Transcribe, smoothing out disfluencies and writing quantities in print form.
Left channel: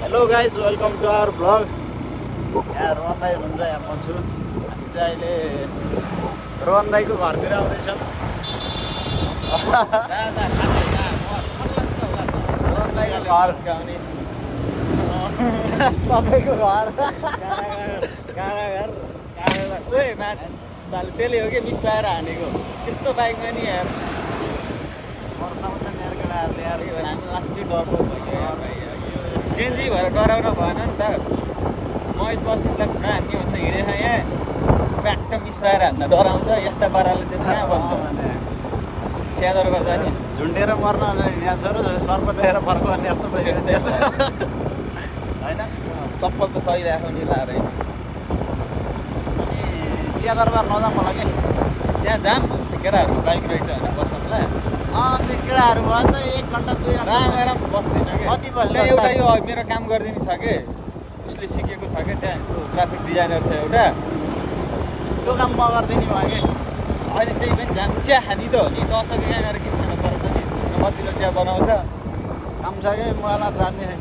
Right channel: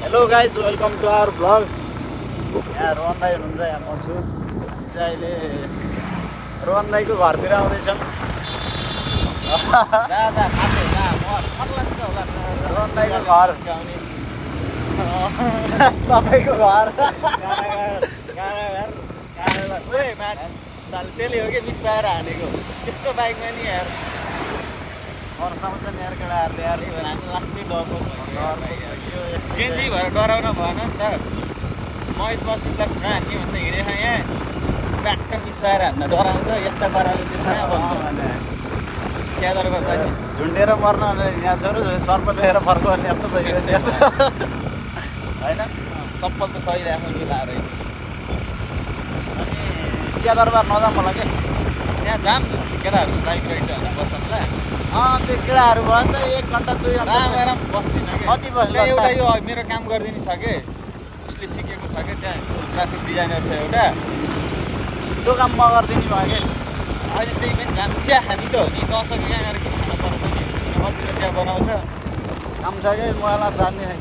Hello guys, welcome to our vlog. यहाँ रोहन दाई हुनुहुन्छ, यहाँ म छु। हामी चाहिँ अहिले रोहन दाईको घरतिर आउँदैछौँ। घर तपाईँको घर त्यसले हो कि मिसपाएर हानेको त्यस्तो बाइकमा नि यार वर्षाउँछ नि यार केटाहरूले यार। हामी लास्टै डरको जिन्दी भएर डराउन भएन नि त। महेश बस्नु त हान्ने भन्दा हिँडेको यहाँ ट्याक्क मिसपाएर हान्न डराउँछ। यस्ता पाराले त्यसमा भन्छ च्यादर गर्छ झुन्डेर मर्न यहाँ छोरो सर्प लिएर फर्काउने जस्तो भइगयो होइन। चप्पल त सही राख्नु नि लाएर अनि चिया दरबार नजाऊँ होला कि त्यहाँ जाम केटाहरू बाइक राइड होइन बस्नुला। त्यो केटाहरू भयो नि त 1 घन्टा 2 घन्टा आराम बस्दैन कि कति बस्यो एउटा यो मेरो काम गरिदिनु छ कि उसले सिकेको छ कि त्यहाँ ग्राफिक डिजाइनर छ एउटा त्यो काम म गरिदिने भयो कि अहिले त्यही पनि जाम चिया खाने त हो नि कसरी यहाँ गरेर किन खानु पर्छ नि कतिले चिया बनाउँछ काम छ कि मलाई जान्ने छैन।